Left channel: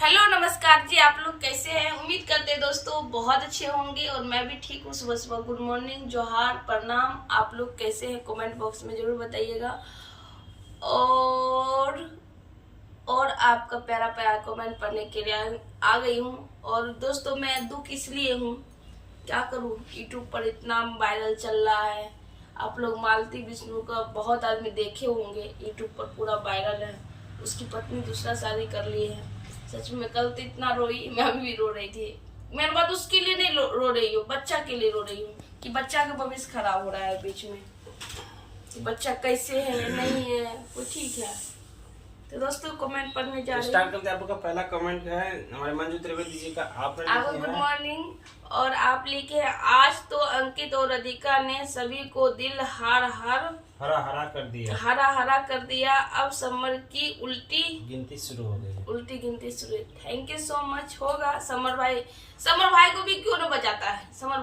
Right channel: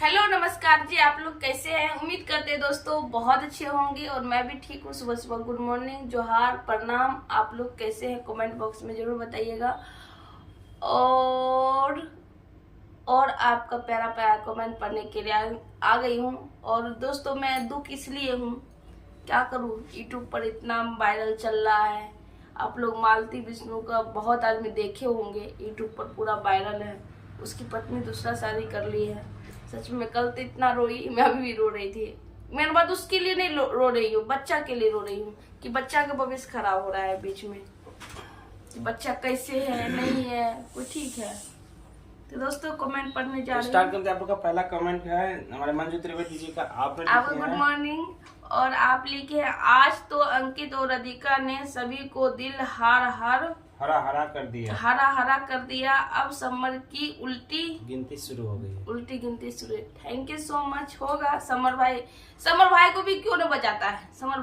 Hello नमस्कार जी, आप लोग कैसे हैं। उम्मीद करते हैं दोस्तों बहुत अच्छे होंगे और मैं भी ठीक हूँ। सुबह सुबह गुड मॉर्निंग, जोहार, प्रणाम। आप लोग कैसे हैं कमेंट बॉक्स में जरूर बताइएगा। और आपका प्यारा प्यारा कमेंट पढ़ने के लिए आ गई हूँ। और दोस्तों मैं दुख इसलिए हूँ, क्या करूँ, यूट्यूब पर इतना वायरल चल रहा है। आप लोग मालती विष्णु का बहुत आदमी देखे होंगे, यूट्यूब पर पूरा वायरल है। उसकी पत्नी दूसरा शादी कर ली है। सच में कल तो इतना रोई, मैं अभी भी रो रही थी। मेरी बात उसके लिए नहीं रो रही हूँ, बच्चा के लिए रो रही हूँ कि बच्चा का भविष्य खराब हो रहा है बीच में, कि बच्चा कैसे है, नहीं है, कोई ठीक है। तो दोस्तों कमेंट पढ़ने जा रहे हैं। स्टार्ट करते हैं। आपका पहला कमेंट है हमारे मंजू त्रिवेदी जी का। आपने लिखे गुड मॉर्निंग और आप लिखे हैं, आज तो अंकित और राधिका ने सभी को दिल हरा हरा कर दिया। अब समर की उल्टी गिनती शुरू हो गई। Thank you so much. होगा समर भाई को भी क्यों न बचाता है। समर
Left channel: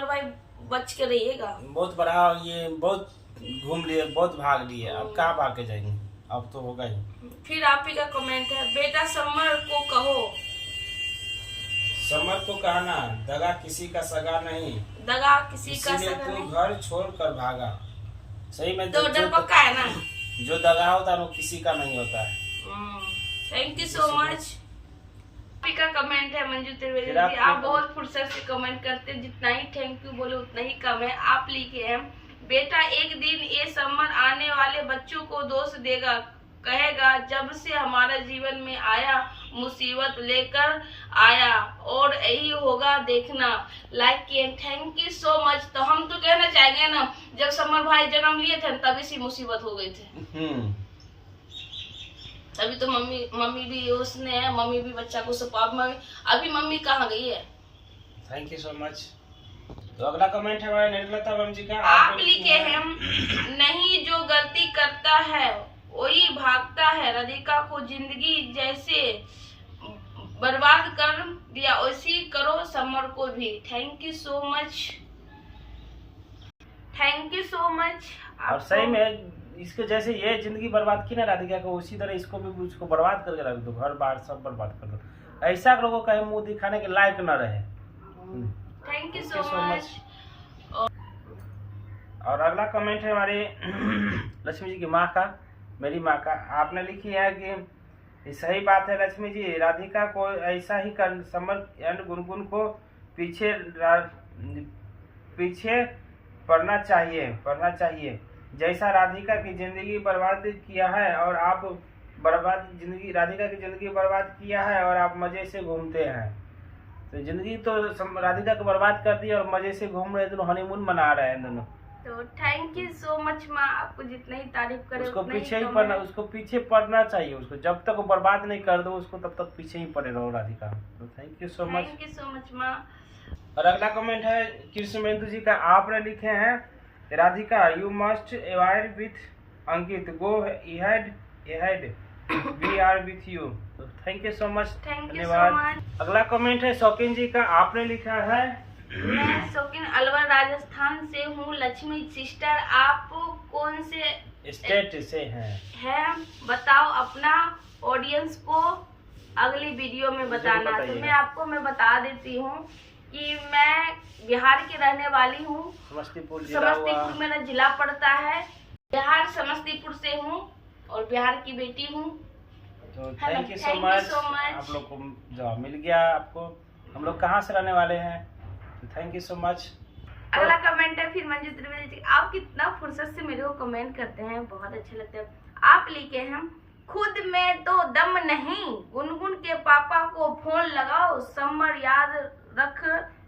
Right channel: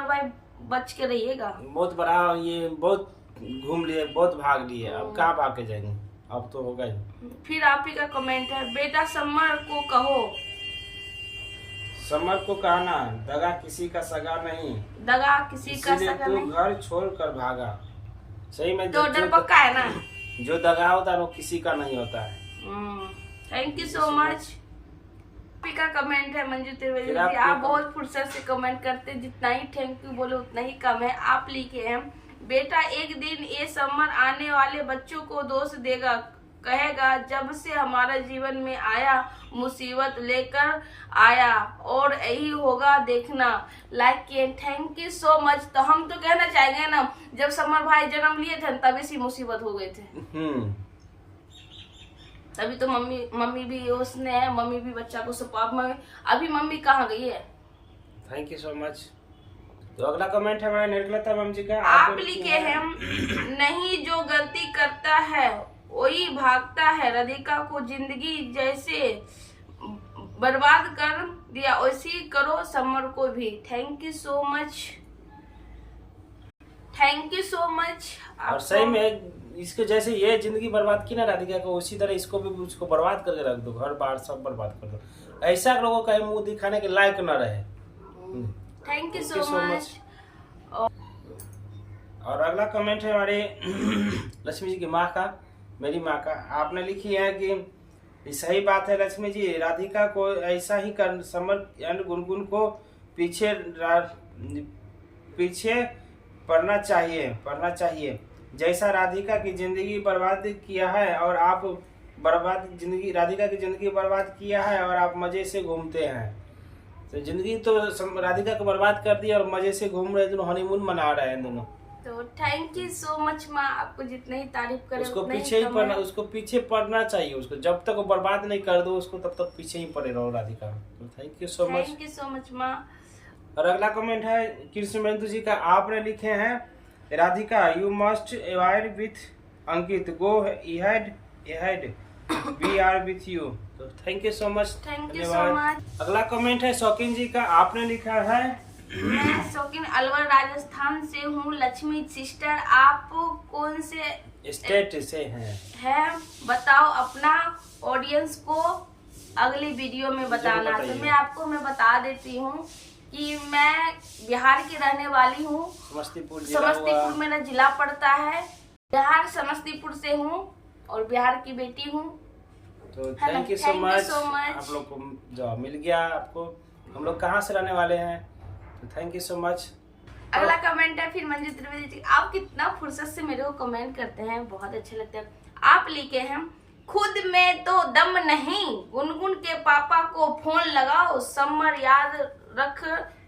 भाई बच के रहिएगा। बहुत बड़ा ये बहुत घूम लिए, बहुत भाग लिए, अब कहाँ भाग के जाएंगे, अब तो होगा ही। फिर आप ही का कमेंट है, बेटा समर को कहो। समर को कहना, दगा किसी का सगा नहीं, नहीं। घर छोड़ कर भागा। सही में तो डर पक्का है ना, जो दगा होता है वो किसी का नहीं होता है। Thank you so much. का कमेंट है मंजू त्रिवेदी जी, आप बहुत फुर्सत से कमेंट करते, जितना ही थैंक यू बोले उतना ही कम है। आप लिखे हैं, बेटा एक दिन ये समर आने वाले बच्चों को दोष देगा, कहेगा जब से हमारा जीवन में आया मुसीबत लेकर आया, और यही होगा देखना। लाइक किए, थैंक यू सो मच। तो हम तो कहना चाहेंगे ना, जब समर भाई जन्म लिए थे तभी से मुसीबत हो गए थे। तभी तो मम्मी भी उसने है, मम्मी भी बच्चा को सपोर्ट में। अभी मम्मी कहाँ गई है। Thank you so much. तो अगला कमेंट है हमारे निर्मलता मैम जी का। आप लिखे हैं, नहीं जो गलती करता है वही भागता है, राधिका को जिंदगी जैसे बर्बाद कर दिया वैसी करो समर को भी। Thank you so much. और सही में इसको जैसे ये जिंदगी बर्बाद की ना राधिका को, उसी तरह इसको भी उसको बर्बाद करके रख दो, घर बार सब बर्बाद कर दो। ऐसा लोगों का मुंह दिखाने के लायक न रहे। Thank you so much. और अगला कमेंट है हमारे लक्ष्मी जी की माँ का, मेरी माँ का। आपने लिखी है कि सही बात है लक्ष्मी जी, राधिका को ऐसा ही कर, समर एंड गुनगुन को पीछे पढ़ना चाहिए जैसा राधिका की जिंदगी बर्बाद किया है, और आप राधिका की जिंदगी बर्बाद किया है और आप मजे से घूमते हैं। तो जिंदगी तो राधिका को बर्बाद कर दी और मजे से घूम रहे, दोनों हनीमून मना रहे हैं दोनों। तो थैंक यू सो मच माँ, आपको जितना ही तारीफ करे उसको पीछे पढ़ना चाहिए। उसको जब तक वो बर्बाद नहीं कर दो उसको, तब तक पीछे ही पड़े रहो राधिका। तो थैंक यू सो मच माँ। और अगला कमेंट है कृष्णेंदु जी का। आपने लिखे हैं, Radhika you must avoid with Ankit, go ahead we are with you. तो थैंक यू सो मच, धन्यवाद। अगला कमेंट है शौकीन जी का। आपने लिखा है, मैं शौकीन अलवर राजस्थान से हूँ। लक्ष्मी सिस्टर आप कौन से स्टेट से हैं? बताओ अपना ऑडियंस को अगली वीडियो में बताना। तो मैं बता देती हूँ कि मैं बिहार की रहने वाली हूँ। समस्तीपुर मेरा जिला पड़ता है। बिहार समस्तीपुर से हूँ और बिहार की बेटी हूँ। तो थैंक यू सो मच। आप लोग को जवाब मिल गया। आपको हम लोग कहाँ से रहने वाले हैं, तो थैंक यू सो मच। अगला कमेंट है फिर मंजू त्रिवेदी जी। आप कितना फुर्सत से मेरे को कमेंट करते हैं, बहुत अच्छा लगता है। आप लिखे हैं, खुद में तो दम नहीं, गुनगुन के पापा को फोन लगाओ, समर याद रख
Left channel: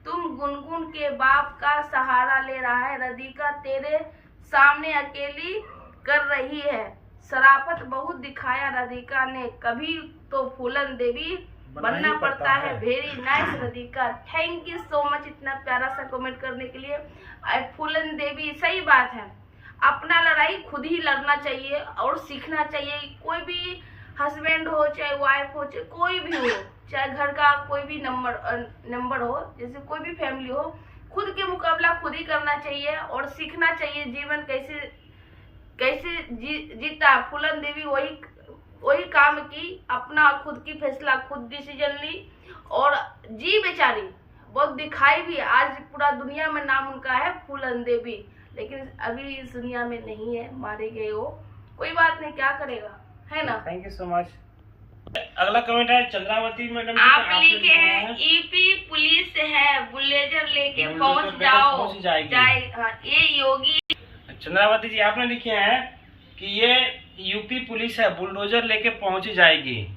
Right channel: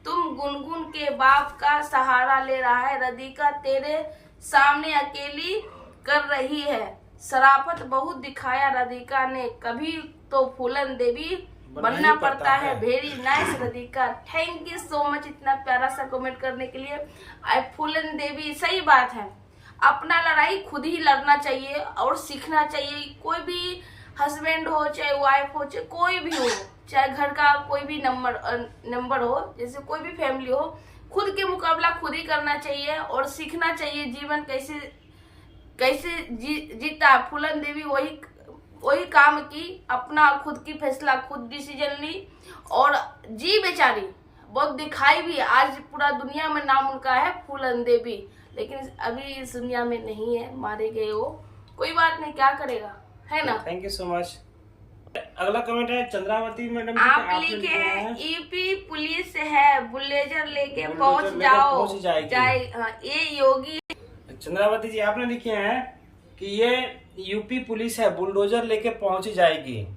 तुम गुनगुन के बाप का सहारा ले रहा है, राधिका तेरे सामने अकेली कर रही है, शराफत बहुत दिखाया राधिका ने, कभी तो फूलन देवी बनना पड़ता है। Very nice Radhika, thank you so much इतना प्यारा सा कमेंट करने के लिए। फूलन देवी, सही बात है, अपना लड़ाई खुद ही लड़ना चाहिए और सीखना चाहिए। कोई भी हस्बैंड हो चाहे वाइफ हो चाहे कोई भी हो, चाहे घर का कोई भी नंबर हो, जैसे कोई भी फैमिली हो, खुद के मुकाबला खुद ही करना चाहिए और सीखना चाहिए जीवन कैसे जीता। फूलन देवी वही वही काम की, अपना खुद की फैसला खुद डिसीजन ली और जी बेचारी, बहुत दिखाई भी। आज पूरा दुनिया में नाम उनका है, फूलन देवी, लेकिन अभी इस दुनिया में नहीं है, मारे गए वो। कोई बात नहीं, क्या करेगा, है ना। Thank you so much. अगला कमेंट है चंद्रावती मैडम जी आप का, लिखे हैं ईपी पुलिस है, बुलडोजर लेके पहुंच जाओ, ये योगी। चंद्रावती जी आपने लिखे हैं कि ये यूपी पुलिस है, बुलडोजर लेके पहुंच जाएगी।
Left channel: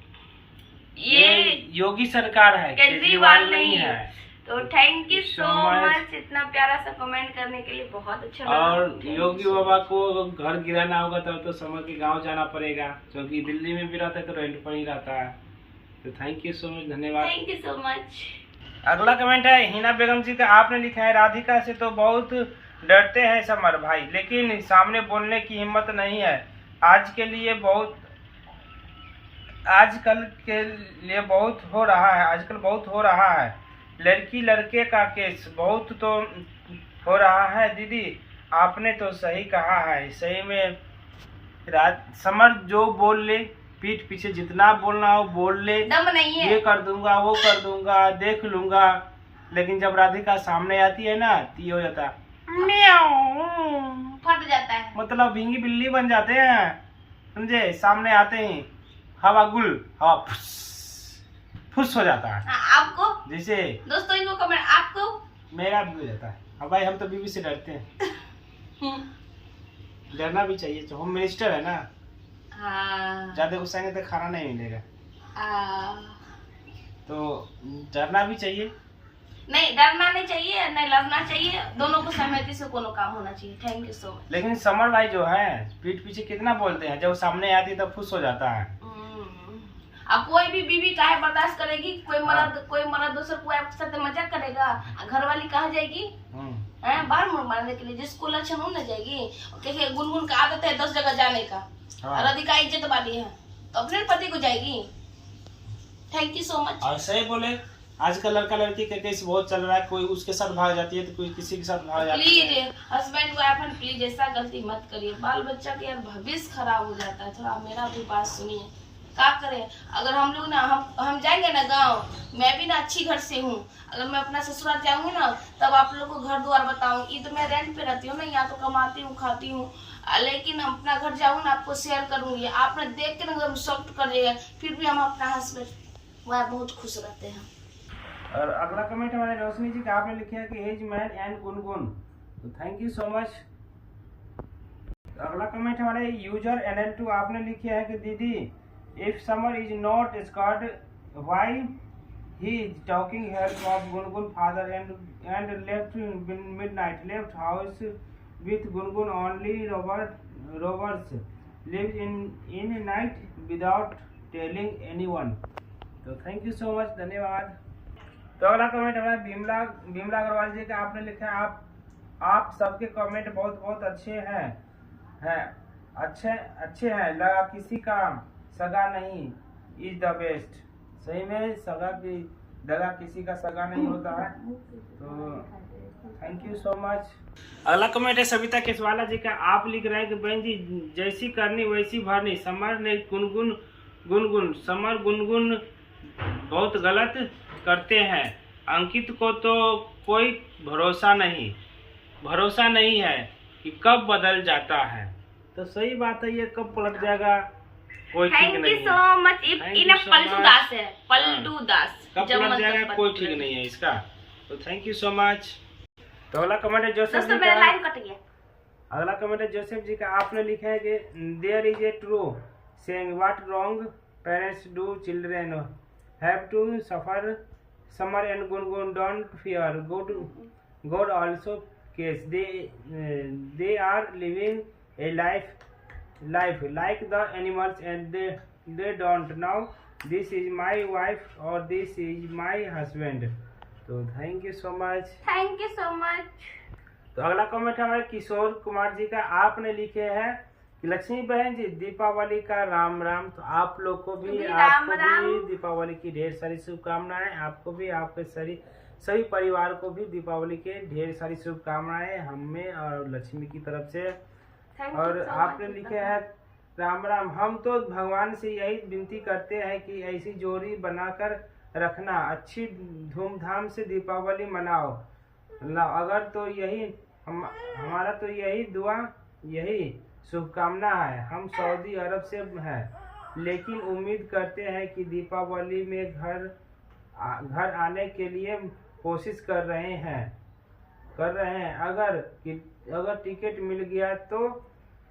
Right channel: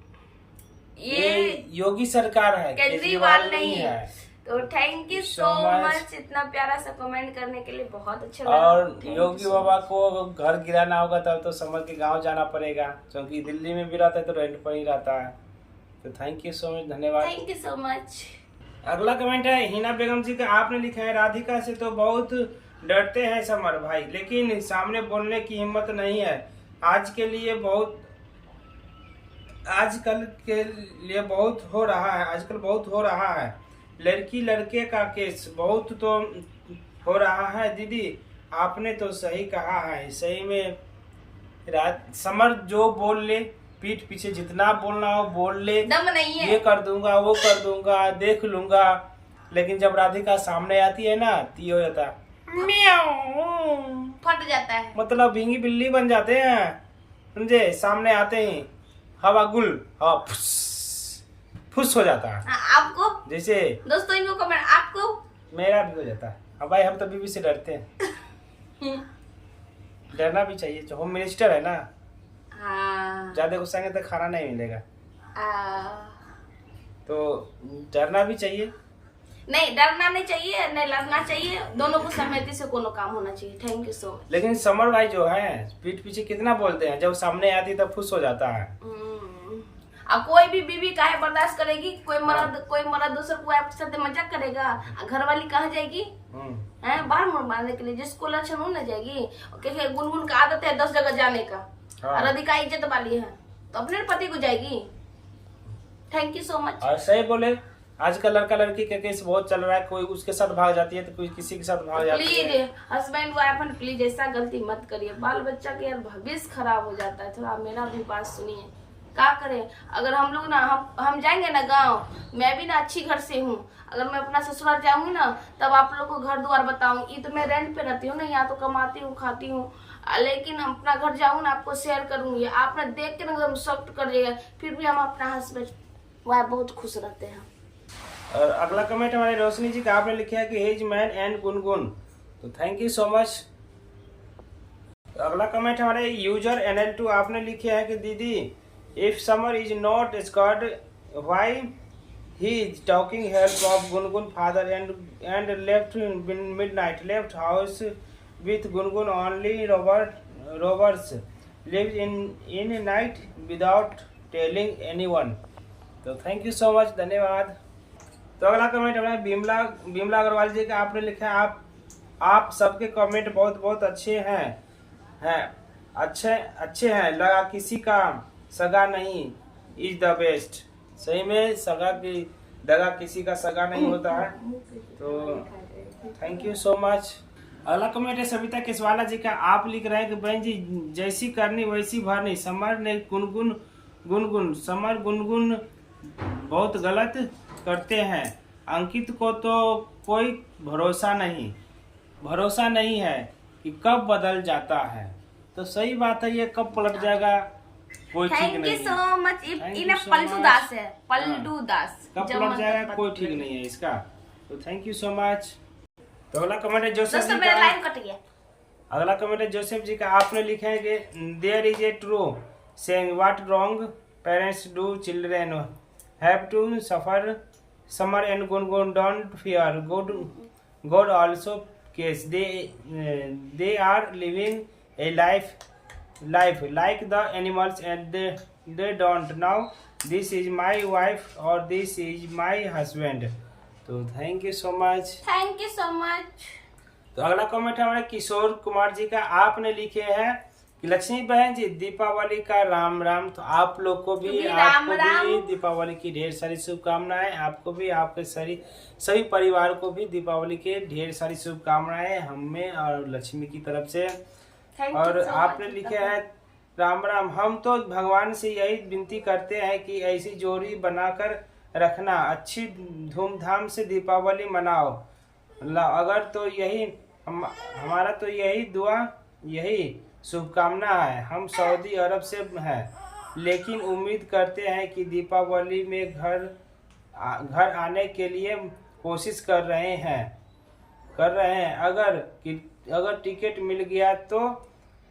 ये योगी सरकार है, केजरीवाल नहीं है। तो थैंक यू सो मच इतना प्यारा सा कमेंट करने के लिए, बहुत अच्छा लगा। और योगी बाबा को घर गिराना होगा तब तो समर के गांव जाना पड़ेगा, क्योंकि दिल्ली में भी रहता है तो रेंट पर ही रहता है। तो थैंक यू सो मच, धन्यवाद। Thank you so much. अगला कमेंट है हिना बेगम जी का, आपने लिखा है राधिका से तो बहुत डरते हैं समर भाई, लेकिन सामने बोलने की हिम्मत नहीं है। आजकल के लिए बहुत हो रहा है, लड़की लड़के का केस बहुत तो हो रहा है। दीदी आपने तो सही कहा है, सही में समर जो बोल ले, पीठ पीछे जितना बोलना हो बोल ले, दम नहीं है। ये कर दूंगा, वो कर दूंगा, देख लूंगा, लेकिन जब राधिका सामने आती है ना तो ये हो जाता है फट जाता है, मतलब भींगी बिल्ली बन जाते हैं, समझे। सामने आते ही हवा फुस फुस हो जाता है। आपको जैसे दोस्तों इनको कमेंट, आपको मेरा भी हो जाता है। अब भाई हम तो बीबी से डरते हैं। डरना भी चाहिए, होम मिनिस्टर है ना। ज्यादा गुस्साएंगे तो खाना नहीं मिलेगा, तो डरना भी चाहिए। नहीं, डरना नहीं चाहिए, नहीं लड़ना चाहिए, दोनों को सहमति से कोनो काम होना चाहिए। Thank you so much. लेकिन समर भाई जो है पीठ पीछे कितना बोलते हैं, जब सामने आती है तब खुश हो जाता है। अब कोई भी बीवी काहे बर्दाश्त करेगी, कोई मर्द दूसर को आपके साथ मजाक करेगा, घर वाली कहाँ जाएगी बाहर मुड़ मारने के लिए, जिसको लक्षण हो न जाएगी। गुनगुन का आदत है 10 जगह जाने का, राधिका इज्जत वाली है तो अपने पति को जाएगी। Thank you so much. और सही बोले, आजकल लड़का लड़की का केस बहुत चल रहा है, कोई उसके साथ भाग जाती है तो कोई किसी के साथ भाग जाती है। प्लीज हस्बैंड वाइफ प्लीज ऐसा गलती मत करिए, बाल बच्चा के यार भविष्य खराब हो जाता है। थोड़ा मेरा भी बात सुनिए, क्या करें। अगर हम लोग ना हम जाएंगे ना गांव, मैं भी ना अच्छी घर से हूँ, अगर मैं अपना ससुराल जाऊंगी ना तब आप लोग को घर द्वार बताऊंगी। तो मैं रेंट पे रहती हूँ ना, यहाँ तो कमाती हूँ खाती हूँ, लेकिन अपना घर जाऊँ ना आपको शेयर करूंगी, आपने देख के ना हम सॉफ्ट कर देगा, फिर भी हम अपना हस्बैंड वह बहुत खुश रहते हैं। और अगला कमेंट हमारे रोशनी जी का, आपने लिखा है कि हेज मैन एंड गुनगुन, तो थैंक यू सो मच। अगला कमेंट हमारे यूजर NL2, आपने लिखे है कि दीदी if Samar is not Scott why he is talking help of Gungun father and left midnight left house with Gungun only rovers live in night without telling anyone. तो thank you so much, धन्यवाद। तो अगला comment हमारा बिमला अग्रवाल जी का, आपने लिखा है आप सबके कमेंट बहुत अच्छे हैं अच्छे हैं, लगा किसी का सगा नहीं इज द बेस्ट। सही में दगा किसी का सगा नहीं होता है। तो थैंक यू सो मच। अगला कमेंट है सविता केसवाला जी का, आप लिख रहे हैं कि बहन जी जैसी करनी वैसी भरनी, समर ने गुनगुन बहुत गलत करते हैं, अंकित को तो कोई भरोसा नहीं है कि कब बदल जाता है। तो सही बात है, ये कब पलट जाएगा कोई ठीक नहीं है। Thank you so much. इन्हें पलटू दास है, पलटू दास, कब पलट जाएगा कोई ठीक नहीं है इसका। तो थैंक यू सो मच। तो अगला कमेंट है जोसेफ जी का, अगला कमेंट है जोसेफ जी का, आपने लिखा है कि there is a true saying what wrong parents do children have to suffer, Samar and Gungun don't fear God also cares they are living a life like the animals and they don't know this is my wife or this is my husband। तो thank you so much. Thank you so much. तो अगला comment हमारे किशोर कुमार जी का, आपने लिखे हैं कि लक्ष्मी बहन जी दीपावली का राम राम। तो आप लोग को भी दीपावली की ढेर सारी शुभकामनाएं, आपको भी आपके सभी परिवार को भी दीपावली के ढेर सारी शुभकामनाएं हमें और लक्ष्मी की तरफ से। और आपने लिखे हैं राम राम। हम तो भगवान से यही विनती करते हैं कि ऐसी जोड़ी बनाकर रखना, अच्छी धूमधाम से दीपावली मनाओ। अगर तो यही हमारा तो यही दुआ, यही शुभकामना है। हम सऊदी अरब से हैं, लेकिन उम्मीद करते हैं कि दीपावली में घर आने के लिए कोशिश कर रहे हैं। अगर टिकट मिल गया तो।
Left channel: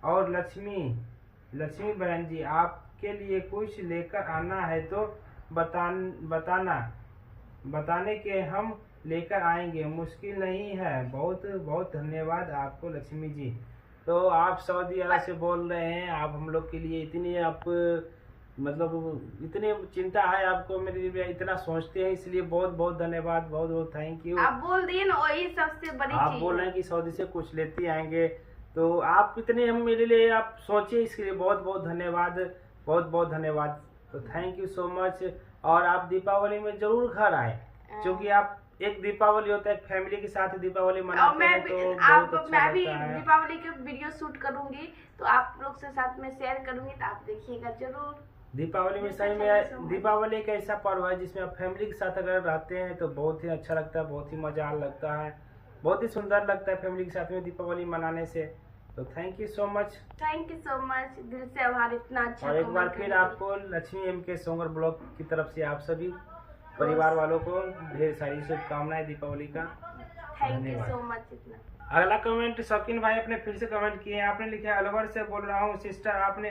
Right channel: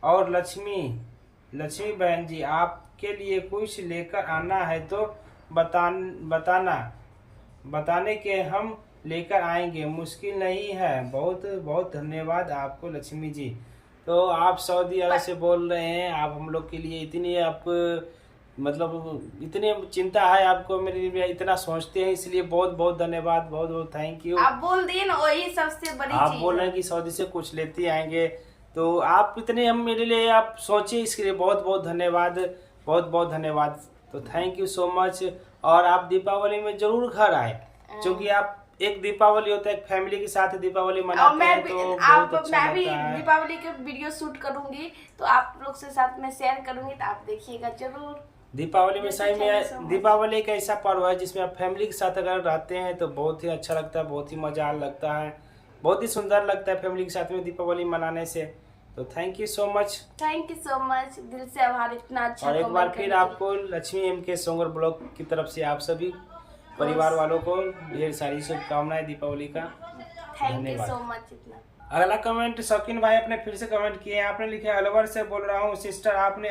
और लक्ष्मी बहन जी, आपके लिए कुछ लेकर आना है तो बताने के हम लेकर आएंगे, मुश्किल नहीं है। बहुत बहुत धन्यवाद आपको लक्ष्मी जी। तो आप सऊदी अरब से बोल रहे हैं, आप हम लोग के लिए इतनी मतलब इतनी चिंता है आपको, मेरे लिए इतना सोचते हैं, इसलिए बहुत बहुत धन्यवाद, बहुत बहुत थैंक यू। आप बोल दिए ना, वही सबसे बड़ी चीज। आप बोल रहे हैं कि सऊदी से कुछ लेते आएंगे, तो आप इतने हम मेरे लिए आप सोचे, इसके लिए बहुत बहुत धन्यवाद, बहुत बहुत धन्यवाद। तो थैंक यू सो मच। और आप दीपावली में जरूर घर आए, क्योंकि आप एक दीपावली होता है, एक फैमिली के साथ दीपावली मनाते हैं, तो बहुत अच्छा लगता है। दीपावली के वीडियो शूट करूंगी तो आप लोग से साथ में शेयर करूंगी, तो आप देखिएगा जरूर। दीपावली में सही में दीपावली एक ऐसा पर्व है जिसमें आप फैमिली के साथ अगर रहते हैं तो बहुत ही अच्छा लगता है, बहुत ही मजा लगता है, बहुत ही सुंदर लगता है फैमिली के साथ में दीपावली मनाने से। तो थैंक यू सो मच, दिल से आभार, इतना अच्छा। और एक बार फिर आपको लक्ष्मी एम के सोंगर ब्लॉग की तरफ से आप सभी परिवार वालों को ढेर सारी शुभकामनाएं दीपावली का। धन्यवाद सो मच। अगला कमेंट शौकीन भाई अपने फिर से कमेंट किए, आपने लिखा है अलवर से बोल रहा हूँ सिस्टर, आपने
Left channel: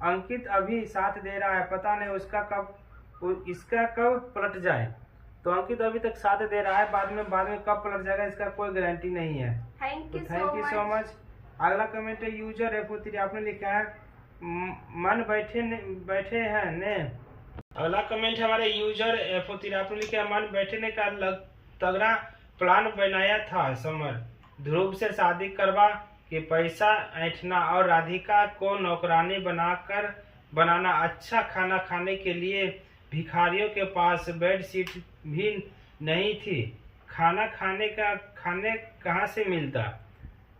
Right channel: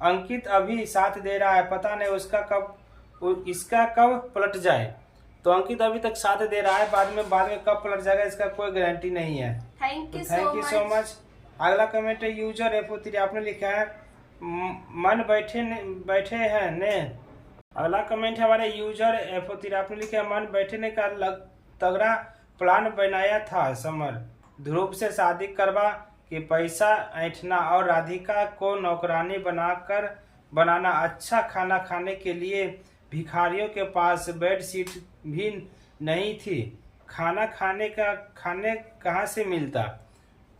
अंकित अभी साथ दे रहा है, पता नहीं इसका कब पलट जाए। तो अंकित अभी तक साथ दे रहा है, बाद में कब पलट जाएगा इसका कोई गारंटी नहीं है। Thank you so much. अगला कमेंट है यूजर F03, आपने लिखा है मन बैठे हैं ने। अगला कमेंट है हमारे यूजर F03, आपने लिखा है मन बैठने का तगड़ा प्लान बनाया था समर, ध्रुव से शादी करवा के पैसा ऐंठना और राधिका को नौकरानी बनाना, अच्छा खाना खाने के लिए भिखारियों के पास बेड शीट भी नहीं थी, खाने कहाँ से मिलता।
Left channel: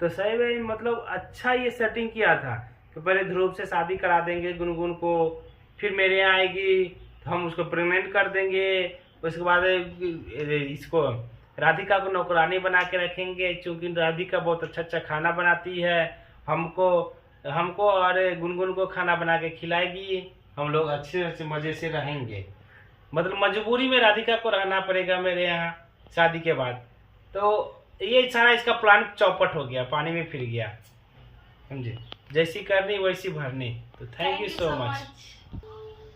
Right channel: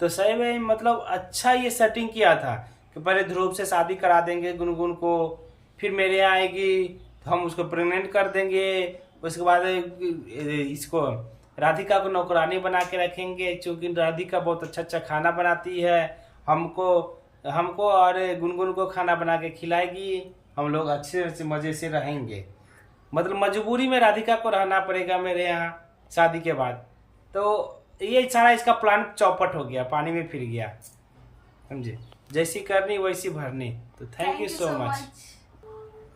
तो सही में मतलब अच्छा ये सेटिंग किया था कि पहले ध्रुव से शादी करा देंगे गुनगुन को, फिर मेरे यहाँ आएगी तो हम उसको प्रेग्नेंट कर देंगे, उसके बाद इसको राधिका को नौकरानी बना के रखेंगे, क्योंकि राधिका बहुत अच्छा खाना बनाती है, हमको और गुनगुन को खाना बना के खिलाएगी, हम लोग अच्छे से मज़े से रहेंगे। मतलब मजबूरी में राधिका को रहना पड़ेगा मेरे यहाँ शादी के बाद। तो ये सारा इसका प्लान चौपट हो गया, पानी में फिर गया, समझे, जैसी करनी वैसी भरनी। तो थैंक यू सो मच।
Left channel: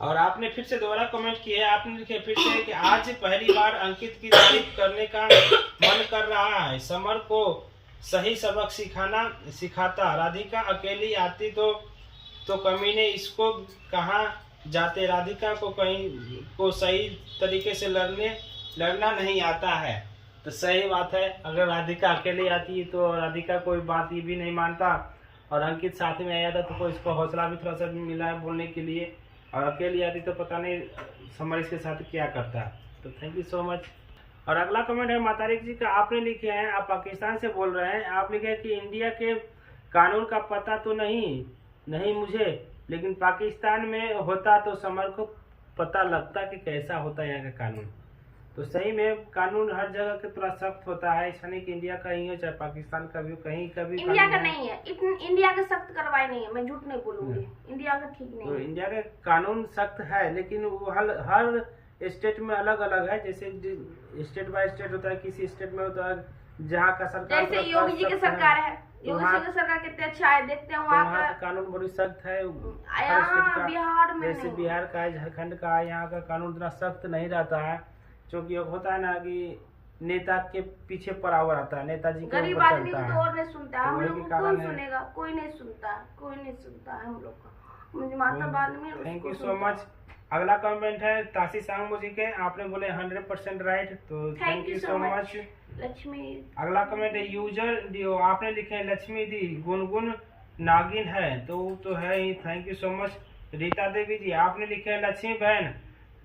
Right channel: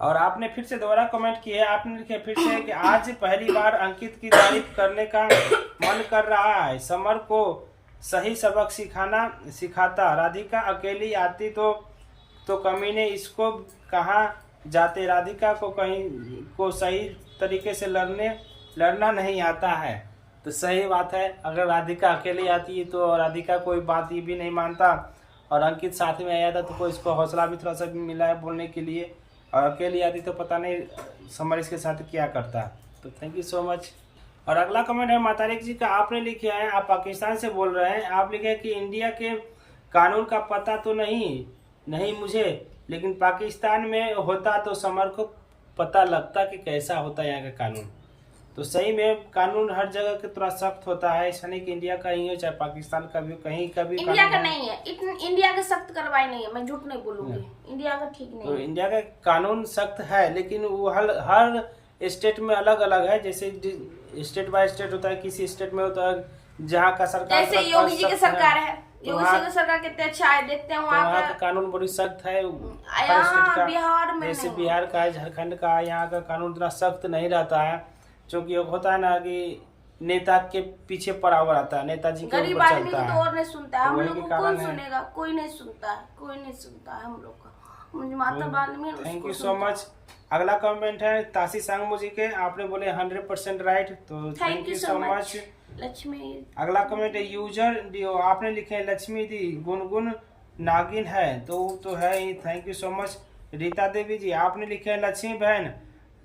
और आपने फिर से दोबारा कमेंट किया, आपने लिखे फिर से कि आज पहली बार अंकित की तारीफ करने का मन कर रहा है, समर को सही सबक सिखाता, राधिका अकेली आती तो कमीने इसको कहाँ जाते, राधिका को सही तरीके से लड़ना नहीं आता है। तो सही बात है, अगर राधिका अकेले आती है तो राधिका कोई बात ये भी नहीं मानता, और अंकित साथ में आया था तो कोई इसको हौसला भी थोड़ा सा मिला है बोलने के लिए, और अकेली आती तो पता नहीं समर इसके साथ क्या करता। तो थैंक यू सो मच। और अगला कमेंट है मातारिक जी का, आपने लिखे हैं, आप पाकिस्तान से बोल रहे हैं, आप लिखे हैं कि इंडिया के कानून का पता तो नहीं मुझे, लेकिन पाकिस्तान में होता तो समर को पता लगता कि कैसा होता है यहाँ का कानून। तो सही में कानून हर जगह के थोड़ा सख्त होता है, ऐसा नहीं कि इंडिया का ही हो चाहे पाकिस्तान का भी, कहीं का भी इंडिया का नहीं है, इंडिया का सख्त करवाए नहीं है, मैं झूठ नहीं बोलूंगी, इंडिया का ठीक नहीं तो है। इंडिया का कानून सख्त है, लेकिन वो हर स्टेट में अलग अलग है, जैसे स्टेट बाय स्टेट होता है, किसी स्टेट में होता है जहाँ का सरकार, जैसे योगी जी की सरकार है, योगी जी की सरकार कितने अच्छा है, देखते हैं वहाँ का कानून बड़ी सख्त है हर स्टेट का। बिहार में जैसे बिहार का है, झारखंड का है, यहाँ का कानून इतना सख्त नहीं रहता है, क्योंकि होता है ना कि नेता के पीछे पड़ा हुआ रहता है, नेताजी के ऊपर चलता है, तो और नहीं सुनता है, तो हम वही लोग के को कारण कौन सुनेगा, कोई नहीं सुनता है हम लोग का, मातृभाषा में। Thank you so much. अगला कमेंट है ताशी सांगमू जी के, आपने बोले 100% राइट, तो thank you so much Lakshmi. अगला कमेंट है यूजर डीओ, आपने लिखे हैं लक्ष्मी दी गुनगुन नागिन है, तो है ही, thank you so much. Rita Devi ji, आपने लिखे हैं लक्ष्मी बहन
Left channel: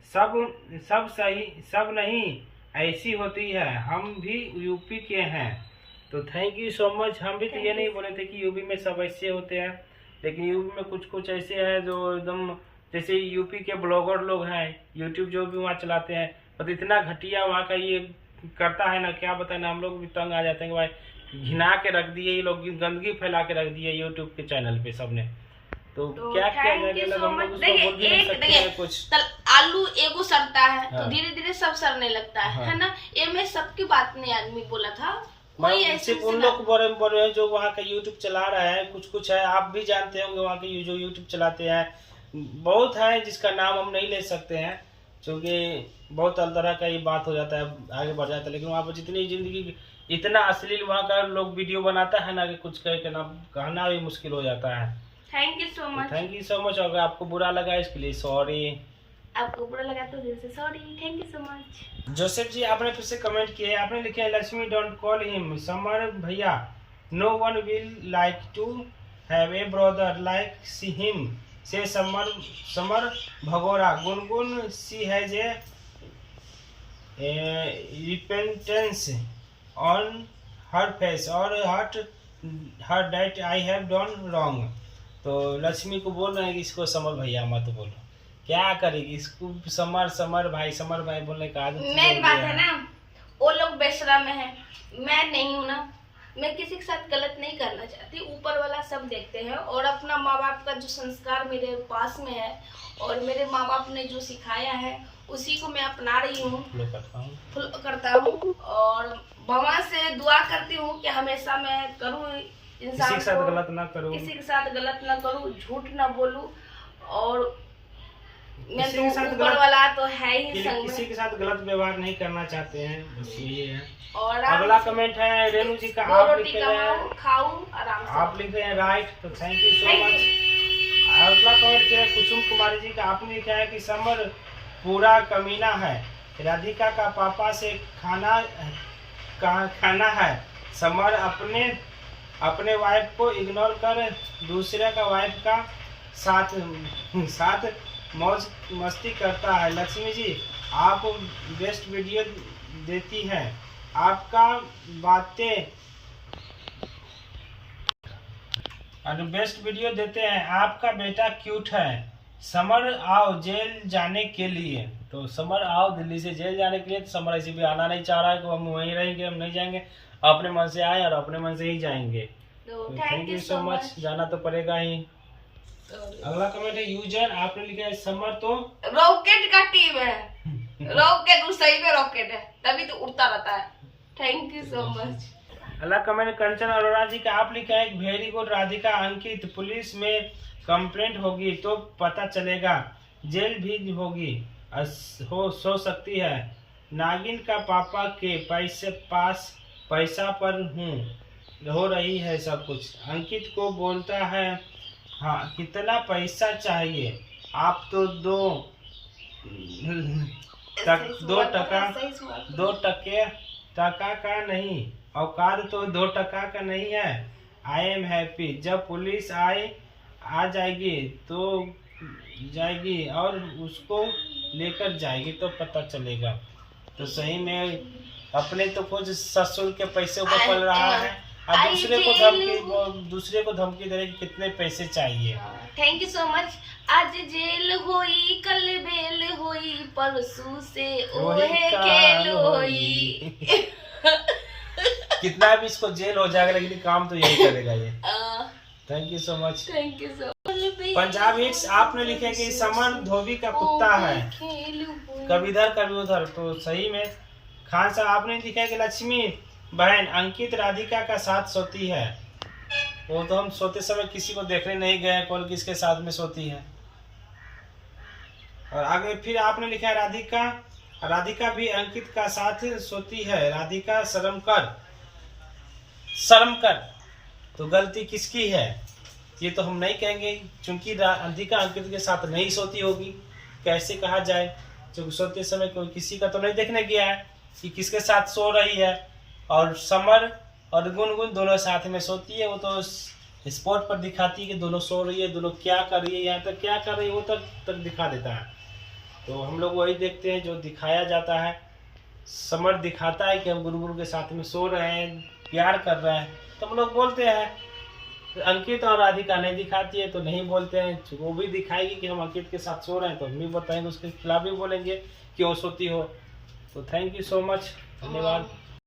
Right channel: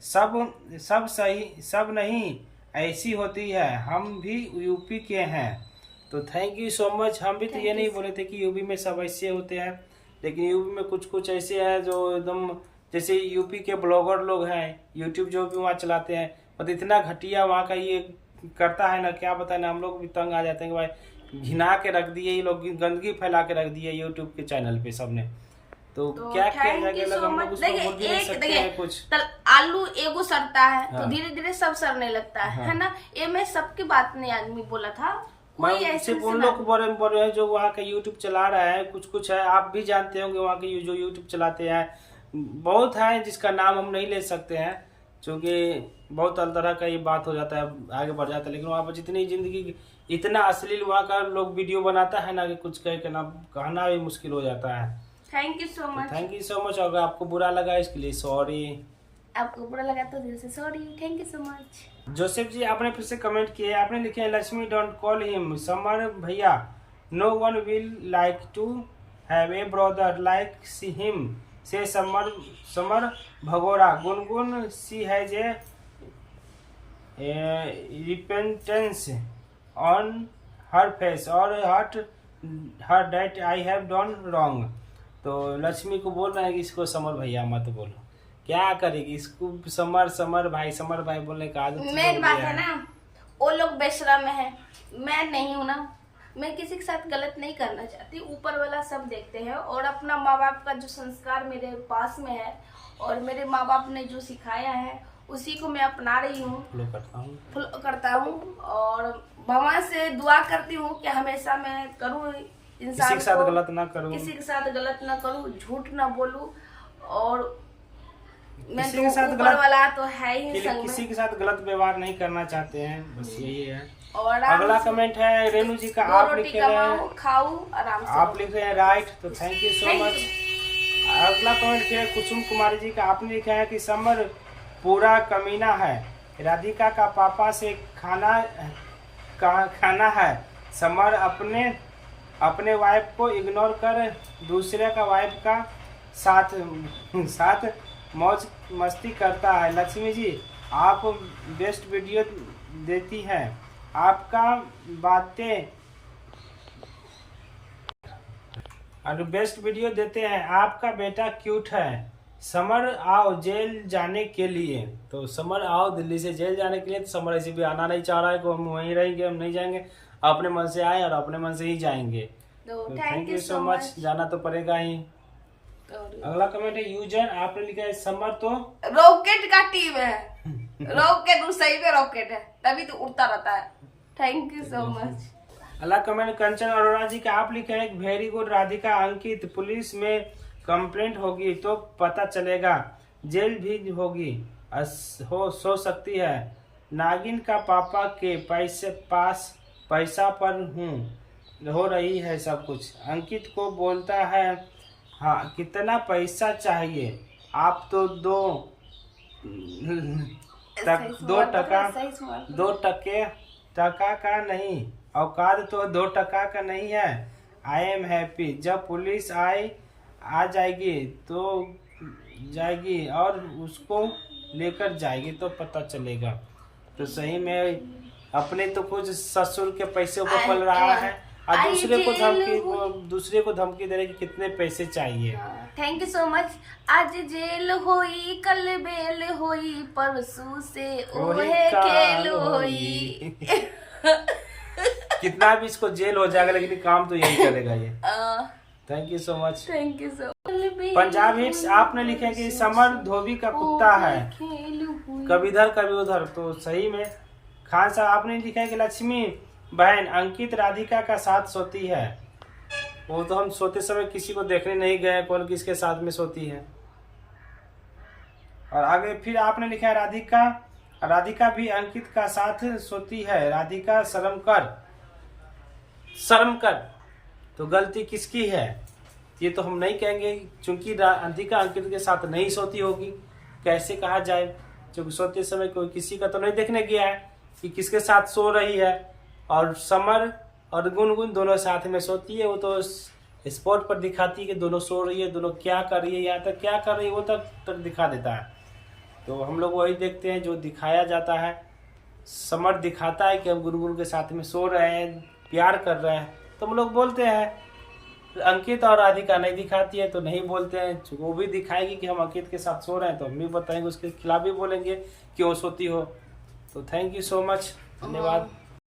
सब सही, सब नहीं ऐसी होती है, हम भी यूपी के हैं। तो थैंक यू सो मच। हम भी तो ये नहीं बोले थे कि यूपी में सब ऐसे होते हैं, लेकिन यूपी में कुछ कुछ ऐसे हैं जो एकदम, जैसे यूपी के ब्लॉगर लोग हैं, यूट्यूब जो भी वहाँ चलाते हैं, मतलब इतना घटिया वहाँ का ये करता है ना, क्या बताए ना, हम लोग भी तंग आ जाते हैं कि भाई घिना के रख दिए ये लोग, गंदगी फैला के रख दिए यूट्यूब के चैनल पे सबने। तो क्या किया जाएगा, हम लोग उसको बोल भी नहीं सकते हैं कुछ। आलू एगो सड़ता है हाँ। तो धीरे धीरे सब सड़ने लगता है, हाँ। है ना। ये मैं सबकी बात नहीं आदमी बोला था, मैं सिर्फ उन लोग को बोल रहे हैं जो वहाँ का यूट्यूब चला रहा है। कुछ कुछ है, आप भी जानते होंगे वहाँ के जो यूट्यूब चलाते हैं, बहुत है जिसका नाम हम नहीं ले सकते हैं क्योंकि बहुत तरह का ये बात हो जाता है, आगे बढ़ जाता है। लेकिन वहाँ पर जितनी जिंदगी इतना अश्लील वहाँ का लोग वीडियो बनाता है ना कि कुछ कह के ना कहना भी मुश्किल हो जाता है। Thank you so much. Thank you so much. अगर आपको बुरा लगा इसके लिए सॉरी। आपको बुरा लगा तो दिल से sorry. Thank you so much. Joseph ji आपने फिर से कमेंट किए, आपने लिखे हैं Lakshmi don't call him Samar bhaiya, no one will like to have a brother like see him say Samar Bhagora Gungun she has a repentance on her face और hurt her that I have done wrong. तो लक्ष्मी को बोल रहे हैं कि इसको समर भैया मत बोलो, क्या करेगी इसको समर भाई बोलने का आदत मेन बात है ना, वो लोग बेशरम है, मैं नहीं हूँ ना। मैं किसी के साथ गलत नहीं करना चाहती, ऊपर वाला सब देखते हैं और अपना माँ बाप का जो संस्कार मेरे पास में है और मेरे माँ बाप ने जो सिखाया है उसी को मैं अपना रही हूँ, फॉलो करता हूँ और भगवान से दुआ करती हूँ कि हमेशा मैं करूँ किसी के साथ गलत ना करूँ, किसी के साथ गलत ना करूँ, झूठ ना बोलूँ और मैं किसी के साथ ऊपर वाला तो है ही संग में। किसी के साथ गलत व्यवहार नहीं करना चाहते हैं, बस यही है। और अगला कमेंट है रेणु जी का, आप लिख रहे हैं खाओ आराम से, आप लिख रहे हैं राइट, तो थैंक यू सो मच। अगला कमेंट किया है कुसुम कुमारी जी का, आपने लिखा है कि समर पूरा कमीना है, राधिका का पापा से खाना है, समर अपने वाइफ को इग्नोर कर दूसरे का वाइफ का साथ मौज मस्ती करता है। लक्ष्मी जी आप बेस्ट वीडियो देती हैं, आपका बातें और बेस्ट वीडियो देते हैं, आपका बेटा क्यूट है, समर आओ जेल जाने के लिए। तो समर आओ दिल्ली से जेल जाने के लिए, तो समर ऐसे भी आना नहीं चाह रहा है कि हम वहीं रहेंगे, हम नहीं जाएंगे, अपने मन से आए और अपने मन से ही जाएंगे। तो थैंक यू सो मच, जाना तो पड़ेगा ही। अगला कमेंट है यूजर, आपने लिखा है समर तो रॉकेट का टीम है, रॉकेट सही में रॉकेट है तभी तो उड़ता रहता है। Thank you so much. अगला कमेंट कंचन अरोड़ा जी का, आप लिखा है वेरी गुड राधिका अंकित, पुलिस में कंप्लेंट होगी तो पता चलेगा, जेल भी होगी हो सकती है, नागिन का पापा के पैसा पर हो रही है सब कुछ। अंकित को बोलता है हाँ कितना पैसा चाहिए, आप तो दो टका का नहीं, औकात तो 2 टका का नहीं है। आई एम हैप्पी, जब पुलिस आ जाएगी तो जाएगी और उसको लेकर जाएगी तो पता चलेगा। तो सही में अपने तो कुछ ससुर के पैसे ऊपर पल रहा है और दूसरे को धमकी दे रहे कि कितने पैसे चाहिए। Thank you so much. आज जेल होई कल बेल होई परसों से ओहे खेल होई। कितना भी इसको जेल हो जाएगा लेकिन काम तो यही करेगा ये। Thank you so much. Thank you so. Punjab hits, आपने लिखे कि समर धोबी का कुत्ता है, कभी इधर कभी उधर। तो सही में खान साहब आपने लिखा है कि लक्ष्मी बहन अंकित राधिका का साथ सोती है, वो तो हम सोते समय किसी को देखने नहीं गए कौन किसके साथ में सोती है। और आगे फिर आपने लिखा है राधिका भी अंकित का साथ सोती है, राधिका शर्म कर। तो गलती किसकी है ये तो हम नहीं कहेंगे, क्योंकि राधिका अंकित के साथ नहीं सोती होगी, कैसे कहा जाए, क्योंकि सोते समय कोई किसी का तो नहीं देखने गया है कि किसके साथ सो रही है। और समर और गुनगुन दोनों साथ में सोती है, वो तो स्पॉट पर दिखाती है कि दोनों सो रही है, दोनों क्या कर रही है, यहाँ तक क्या कर रही है वो तक दिखा देता है। तो हम लोग वही देखते हैं जो दिखाया जाता है। समर दिखाता है कि हम गुनगुन के साथ में सो रहे हैं, प्यार कर रहे हैं, तो हम लोग बोलते हैं अंकित और राधिका नहीं दिखाती है तो नहीं बोलते हैं, वो भी दिखाएगी कि हम अंकित के साथ सो रहे हैं तो हम भी बताएंगे, उसके खिलाफ भी बोलेंगे क्यों सोती हो। तो थैंक यू सो मच, धन्यवाद।